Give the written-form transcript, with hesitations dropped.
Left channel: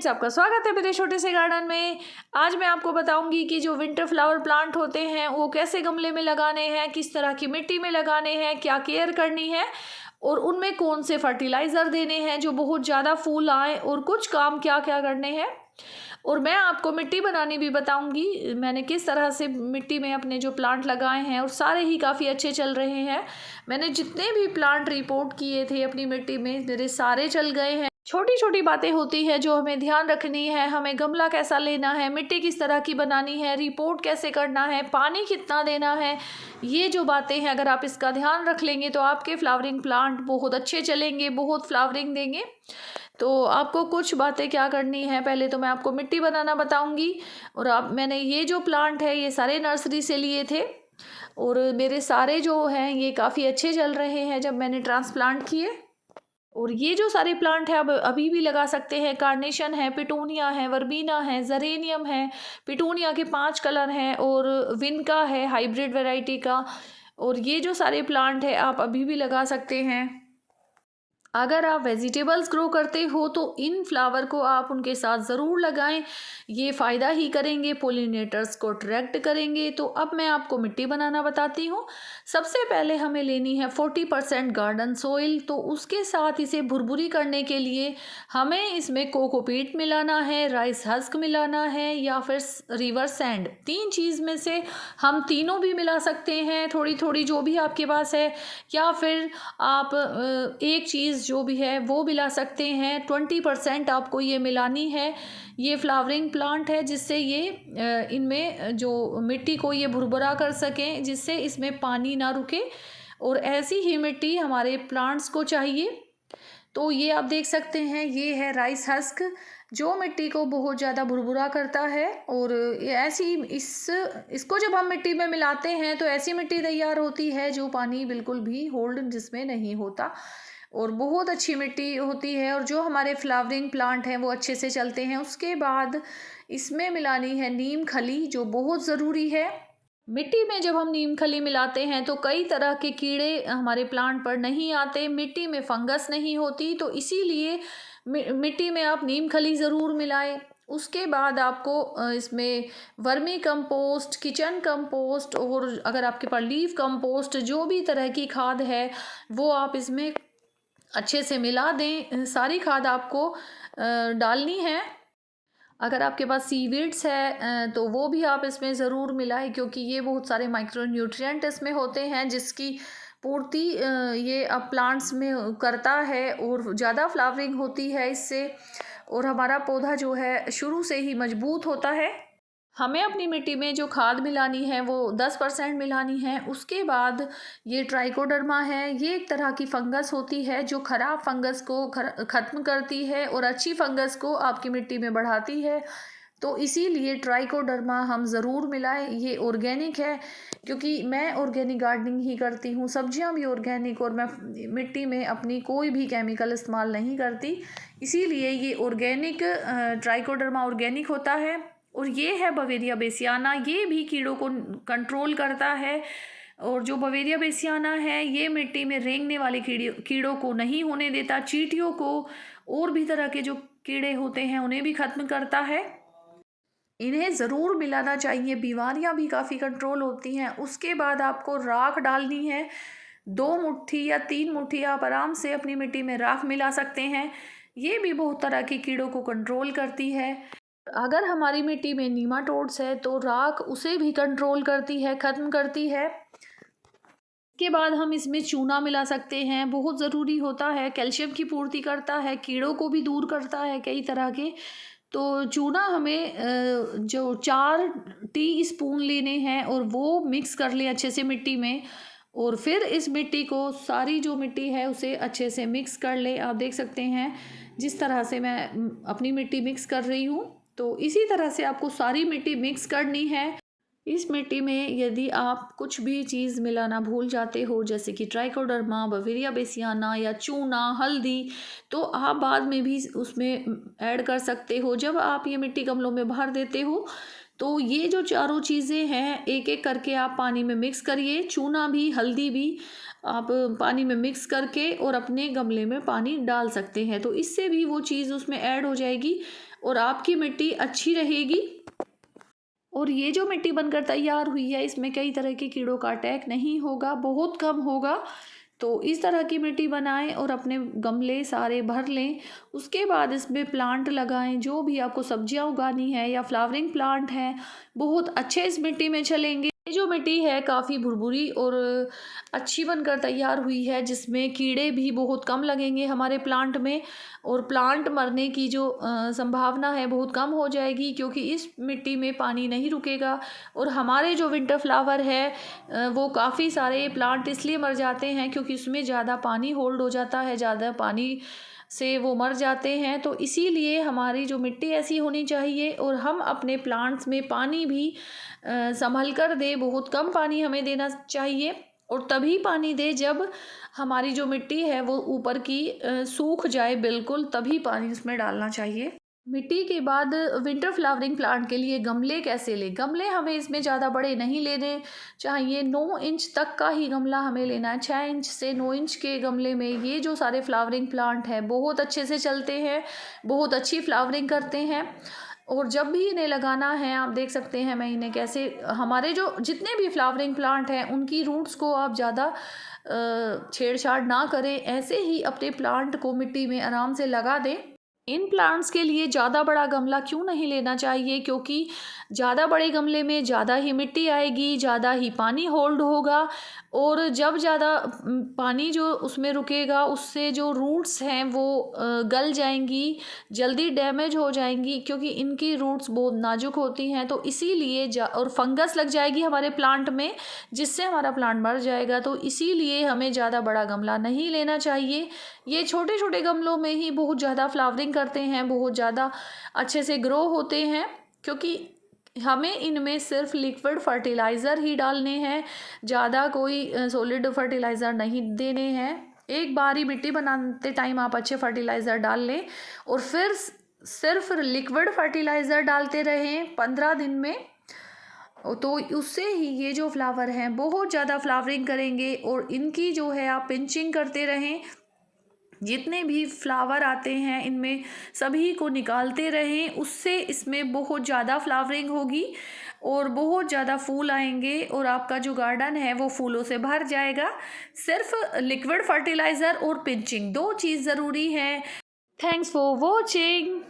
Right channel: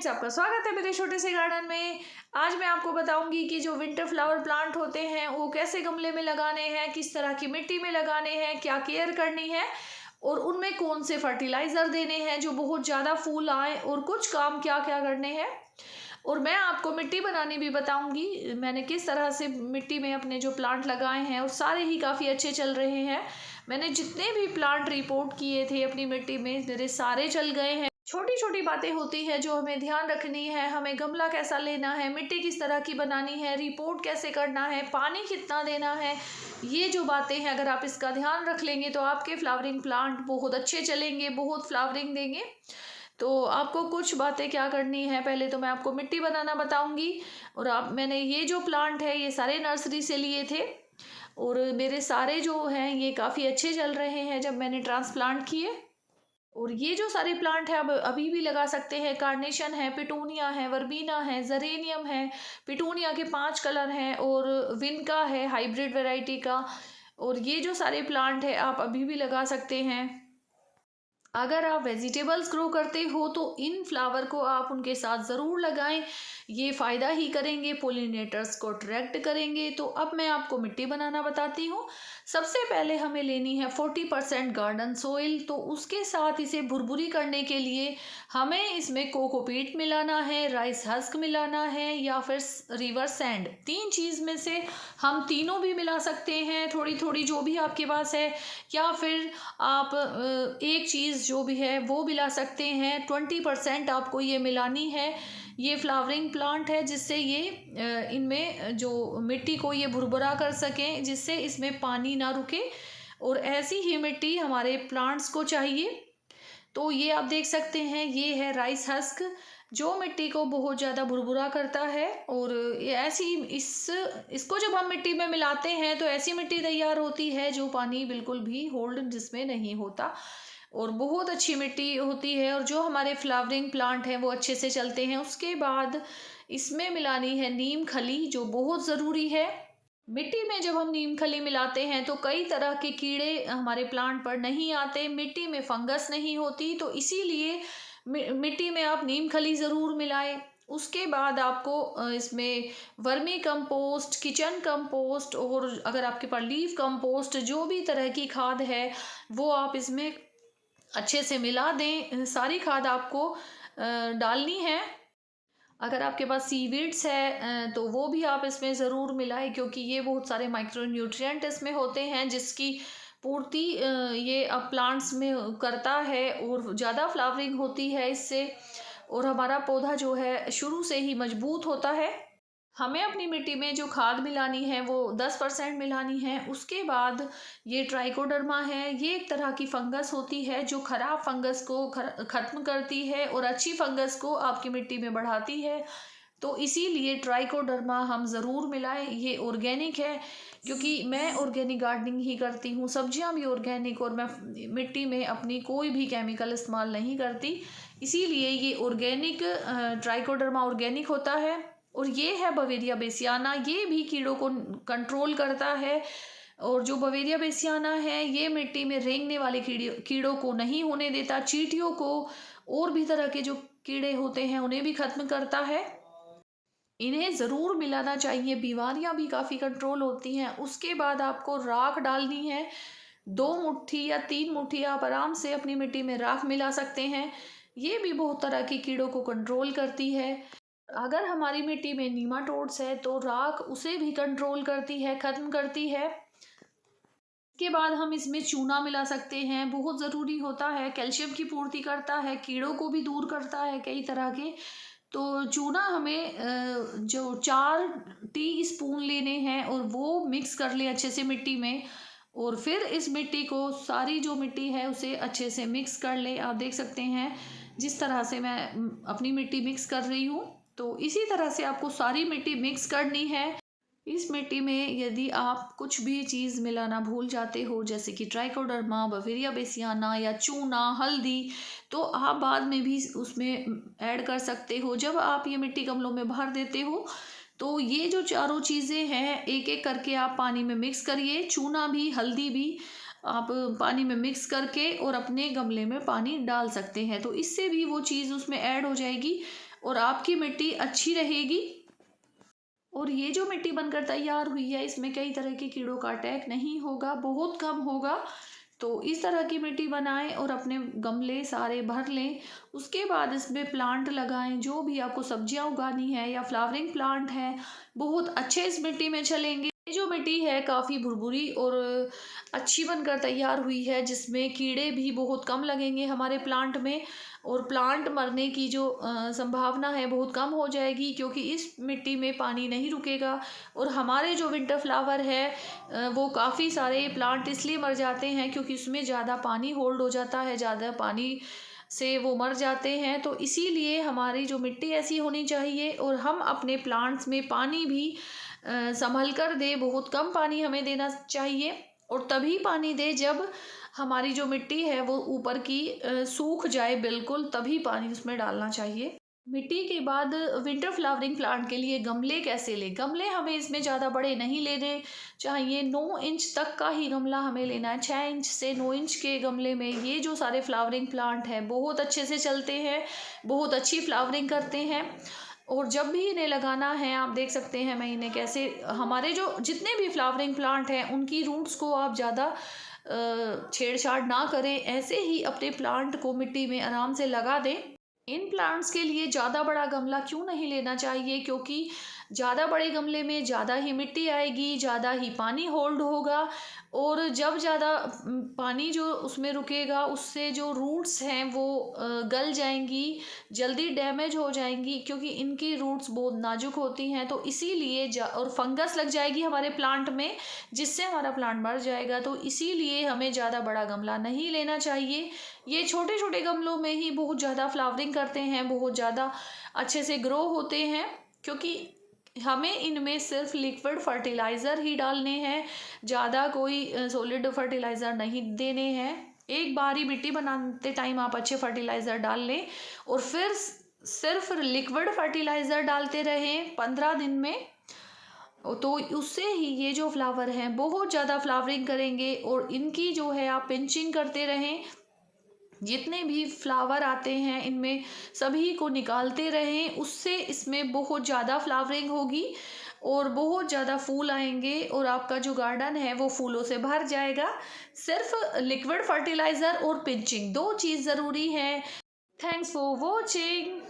Friends, आपका स्वागत है मेरे छोटे से गार्डन में। आज मैं आपको बताऊंगी कि जो विंटर फ्लावर प्लांट होते हैं वो कैसे गमले में लगाने हैं, किस तरह की मिट्टी में लगाने हैं, क्या केयर करनी है और उनमें कौन से फर्टिलाइज़र देने हैं जो बहुत ज़्यादा फूल आए और कुछ काम क्या क्या करने हैं। और मैं आपको मिट्टी बनानी भी बताऊंगी, मैंने किस तरह से मिट्टी में अपने जो प्लांट लगाए हैं और सारे ही काफ़ी अच्छे चल रहे हैं। मैंने जितने भी प्लांट रिपोर्ट किए थे अपनी मिट्टी में मेरे सारे चल गए हैं। छोटी छोटी बातें होती है जो हमें ध्यान रखनी है, हमें गमला कैसा लेना है, मिट्टी किस तरह की बनानी है, रिपोर्ट कैसे करना है, पानी कितना देना है। ये जो बातें हैं अगर आप इसका ध्यान रख लेंगे तो आपके फ्लावरिंग प्लांट बहुत अच्छे चलेंगे, बहुत फ्लावरिंग देंगे। तो आपको कुछ बातें क्या करनी है, पहले तो मैं आपको मिट्टी बनाना बताऊंगी। और आप मैंने ये जो प्लांट है ये सारे नर्सरी से लिए थे और मेरे सारे जो हैं ये काफ़ी अच्छे चल रहे हैं जब मैंने ट्रांसप्लांट किए। और ये जो सारे प्लांट है अब अभी भी लगा सकते हैं। कार्नेशन है, पिटूनिया है, वर्बीना है, जरेनियम है। पिटूनिया के 5 कलर हैं और विनका है हाइब्रिड वैरायटी का। और ये जो सारे प्लांट है आप अभी भी लगा सकते हैं। अगर आप वेजिटेबल्स ग्रो करते हो तो इन फ्लावर को आप उनके साथ ज़रूर लगाएं, ये फ़ायदा ही करेंगे, पोलिनेटर्स को अट्रैक्ट करेंगे। तो अब मैं आपको मिट्टी बनाना बताती हूँ। सबसे पहले हमें लेनी है 40% गार्डन सोइल। तो उसके साथ इसे भुरभुरी करने के लिए हमें इसमें कोकोपीट मिलाना है, राइस हस्क मिलाना है या फिर रिवर सैंड। 3 चीज़ में से हम तीनों भी मिला सकते हैं, थोड़ी थोड़ी जो भी आपके पास है। या फिर आप एक चीज़ जो भी है वो मिला सकते हैं। 20% आपको ये मिलानी है। ये फ्लावरिंग प्लांट है जिससे ये इनमें जो मिट्टी को ये भुरभुरा कर सकें, जिससे इसमें पानी ना रुके। और ऐसी ही मिट्टी हमारे प्लांट्स को चाहिए। तो ये आप देख सकते हैं, ये है राइस हस्क जो मिट्टी को बहुत ज़्यादा भुरभुरा करता है। और ये ऐसी इसको जब हम मिट्टी में मिलाते हैं तो ऐसी मिट्टी तैयार होती है जो पानी बिल्कुल भी होल्ड जिसमें नहीं होता और बहुत अच्छी मिट्टी होती है। और जो हमारे फ्लावरिंग प्लांट हैं वो अच्छे से चलते हैं। उसके बाद इसमें मिलानी है नीम खली जो बहुत ज़रूरी है। मिट्टी में जब हम नीम खली मिलाते हैं तो कई तरह के कीड़े हमारे प्लांट पर नहीं आते, मिट्टी में फंगस नहीं होती। तो इसीलिए मिट्टी में आप नीम खली ज़रूर मिलाएं। उसके बाद आपको इसमें वर्मी कंपोस्ट, किचन कंपोस्ट और अगर आपके पास लीफ कंपोस्ट जो भी तरह की खाद है वो आप इसमें अच्छे से मिला दें। सारी खाद आपको डालनी है। अगर आपके पास सीवीड्स है तो वो भी आप इसमें ज़रूर मिलाएं, क्योंकि ये बहुत सारे माइक्रो न्यूट्रिएंट इसमें होते हैं जिसकी पूर्ति ये अब प्लांट्स में करता है और ज़्यादा फ्लावरिंग होती है इससे। और हमारा पौधा जो है शुरू से ही मजबूत होता है। हमें अपनी मिट्टी में जो खाद मिलानी है वो 10% मिलानी है। उसके बाद ये ट्राइकोडर्मा है, ये एक तरह की फंगस होती है जो ख़राब फंगस को ख़त्म करती है और अच्छी फंगस को आपकी मिट्टी में बढ़ाती है। तो इसीलिए ट्राइकोडर्मा हम ज़रूर मिलाएं। ये ऑर्गेनिक है, क्योंकि मैं ऑर्गेनिक गार्डनिंग ही करती हूँ, सब्जियाँ भी ऑर्गेनिक, और मैं मिट्टी में अपनी कोई भी केमिकल इस्तेमाल नहीं करती। इसीलिए ये ऑर्गेनिक ट्राइकोडर्मा ऑर्गेनिक होता है। और ये है बवेरिया बेसियाना, ये भी कीड़ों को कंट्रोल करता है। और जो बवेरिया बेसियाना है ये मिट्टी में रेंगने वाले कीड़ों को नहीं होने देता, चींटियों को और भी तरह के जो कीड़े होते हैं उन्हें भी ख़त्म करता है। इन्हें ज़रूर मिलाना चाहिए, बीमारियां भी काफ़ी कंट्रोल होती हैं। उसके बाद आपको राख डालनी है। 2 मुट्ठी या 3 मुट्ठी आप आराम से अपनी मिट्टी में राख मिला सकते हैं। ये भी बहुत तरह के कीड़ों को कंट्रोल करती है। अगर हमारी मिट्टी में नीमाटोड्स है तो राख उसे भी कंट्रोल करती है, ख़त्म करती है। इसके बाद हम इसमें चूना मिला सकते हैं, बहुत ज़रूरी होता है, कैल्शियम की पूर्ति करता है, कीड़ों को भी दूर करता है कई तरह के। तो चूना हमें जो 4 टी स्पून लेने हैं और वो मिक्स कर ले अच्छे से मिट्टी में। और फिर इस मिट्टी को, सारी जो मिट्टी है उसे अच्छे से मिक्स कर ले। आप देख सकते हैं जिस तरह से मैं अपनी मिट्टी मिक्स कर रही हूँ। तो इसी तरह से आपको सारी मिट्टी मिक्स करनी है। इस मिट्टी में यदि आप कुछ भी चीज़ मिलाना भूल जाते हो, जैसे कि ट्राइकोडर्मा, बवेरिया बेसियाना या चूना, हल्दी, तो आप बाद में भी उसमें ऐड कर सकते हो। जब आप ये मिट्टी गमलों में भर देते हो तो ये जो चारों चीज़ें हैं एक एक करके आप पानी में मिक्स करिए। चूना भी, हल्दी भी आप पानी में मिक्स करके और अपने गमले में पानी डाल सकते हैं, तो इससे भी वो चीज़ उसमें ऐड हो जाएगी और आपकी मिट्टी अच्छी रहेगी। और ये जो मिट्टी बनकर तैयार हुई है इसमें कई तरह के कीड़ों का अटैक नहीं होगा, बहुत कम होगा। तो इस तरह की मिट्टी बनाएं और अपने गमले सारे भर लें। उसके बाद इसमें प्लांट लगाएं, जो भी आपको सब्जियां उगानी है या फ्लावरिंग प्लांट है बहुत अच्छे इस मिट्टी में चलेंगे। ये जो मिट्टी है काफ़ी भुरभुरी और अच्छी बनकर तैयार हुई है, जिसमें कीड़े भी बहुत कम लगेंगे हमारे प्लांट में, और प्लांट मरने की जो संभावना है बहुत कम हो जाएगी, क्योंकि इस मिट्टी में पानी नहीं रुकेगा। और हमारे जो विंटर फ्लावर है वो काफ़ी सारे प्लांट इसलिए मर जाते हैं क्योंकि उसमें ज़्यादा पानी होल्ड हो जाता है, ज़्यादा पानी से वो मर जाते हैं। तो इसीलिए हमारी जो मिट्टी ऐसी होनी चाहिए, और हम अपने प्लांट्स में पानी भी संभल कर दे, बहुत कम पानी हमें देना चाहिए। और तभी पानी दे जब हमारी जो मिट्टी है वो ऊपर की सूख जाए बिल्कुल, तभी पानी उसमें डालना चाहिए। मिट्टी के बाद विंटर फ्लावरिंग प्लांट के लिए गमले कैसे लें? गमले हमें इसमें ज़्यादा बड़े नहीं लेने चाहिए, 9 इंच तक का ही गमला हमें लेना है। 6 इंच से 9 इंच के गमले में ये जो सारे फ्लावरिंग प्लांट हैं बहुत अच्छे से चलते हैं, बहुत अच्छी फ्लावरिंग करते हैं। और जब भी इन्हें लगाना है आप देख सकते हैं मैं इन्हें कैसे, हमारे जो जितने भी फ्लावरिंग प्लांट हैं उनकी रूट्स को आप ज़्यादा छेड़छाड़ ना करें, ऐसे ही अपने प्लांट को मिट्टी में आराम से लगा दें। इन प्लांट्स के लिए ज़्यादा बड़ा गमला क्यों नहीं लेना चाहिए? क्योंकि ज़्यादा बड़े गमले में ज़्यादा ही मिट्टी आएगी, ज़्यादा ही पानी होल्ड होगा, और जब ज़्यादा पानी जो उसमें रुकेगा उससे जो रूट्स हैं वो गल जाएंगी, जल्दी डैमेज हो जाएंगी, क्योंकि इनकी रूट्स बहुत नाजुक होती हैं। तो इसीलिए और फंगस लग जाएगी हमारे प्लांट में, जिससे हमारा प्लांट मर जाएगा। तो इसीलिए हमें ज़्यादा बड़ा गमला नहीं लेना चाहिए। ये छोटे छोटे गमलों में ही बहुत ज़्यादा फ्लावरिंग करते हैं, बहुत ज़्यादा अच्छे से ग्रो होते हैं, क्योंकि हमें इनमें सिर्फ लिक्विड फर्टिलाइज़र ही डालने हैं, ज़्यादा कोई सॉलिड फर्टिलाइज़र नहीं देने हैं। एक बार ही मिट्टी बनाते टाइम आप अच्छे फर्टिलाइज़र डाल लें, और फिर सिर्फ लिक्विड फर्टिलाइज़र डालते रहें 15 दिन में, तो उससे ही ये जो फ्लावर हैं बहुत ज़्यादा फ्लावरिंग करेंगे। और इनकी जो है आप पिंचिंग करते रहें, जितने भी फ्लावर आते हैं इनमें सभी को निकालते रहें, उससे इसमें बहुत ज़्यादा फ्लावरिंग होगी और बहुत ज़्यादा फूल आएंगे, और आपका जो गार्डन है वो फूलों से भर जाएगा। सिर्फ लिक्विड फर्टिलाइज़र और पिंचिंग 2 चीज़ ज़रूरी है। Thanks for watching.